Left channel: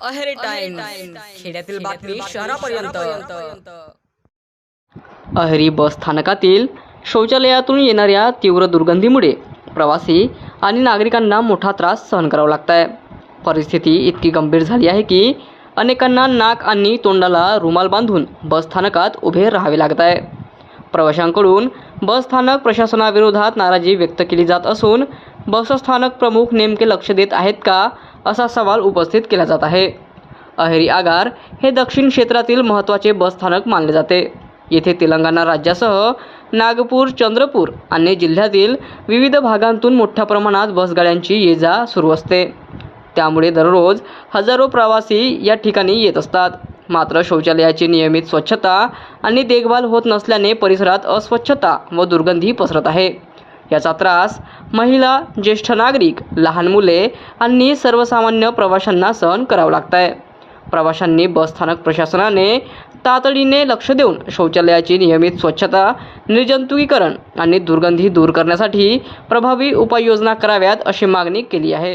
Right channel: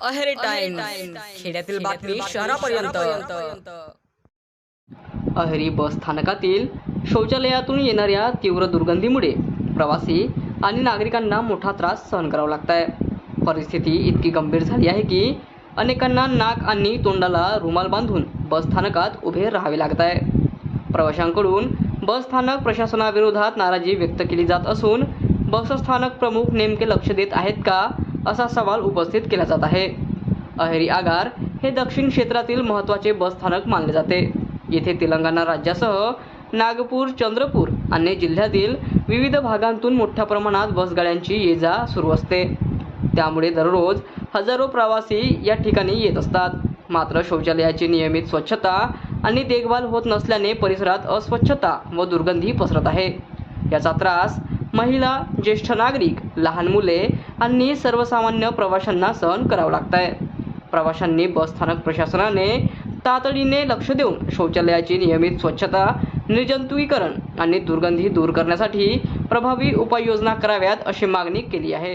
Aheri time खेड्यातील बातमी शहरापर्यंत। अहेरी बस स्थानकातील शौचालयातून येणाऱ्या तीव्र दुर्गंधीमुळे प्रवासी आणि नागरिकांना मोठा त्रास सहन करावा लागत आहे। परिस्थिती इतकी गंभीर झाली आहे की अनेकांना नाक आणि तोंडाला रुमाल बांधून बस स्थानकात उभे राहावे लागत आहे। प्रवाशांकडून बस स्थानक प्रशासनाविरोधात नाराजी व्यक्त केली जात असून बस स्थानक प्रमुख नेमके लक्ष देत आहेत का असा सवाल उपस्थित केला जात आहे। अहेरी आगार हे दक्षिण क्षेत्रातील महत्त्वाचे बस स्थानक मानले जाते। येथे तेलंगणा राज्यासह नागपूर, चंद्रपूर आणि जिल्ह्यातील विविध भागांतून मोठ्या प्रमाणात बसगाड्यांची ये-जा सुरू असते। त्यामुळे दररोज हजारो प्रवासी या ठिकाणी येत असतात। मात्र शौचालयाची नियमित स्वच्छता आणि देखभाल होत नसल्याने परिसरात अस्वच्छता व दुर्गंधी पसरत आहे। याचा त्रास महिला, ज्येष्ठ नागरिक, लहान मुले आणि सर्वसामान्य प्रवाशांना सहन करावा लागत आहे। प्रवाशांनी बस स्थानक प्रशासनाने तातडीने लक्ष देऊन शौचालयाची नियमित स्वच्छता, निर्जंतुकीकरण आणि दुर्गंधी दूर करण्यासाठी प्रभावी उपाययोजना कराव्यात अशी मागणी केली आहे।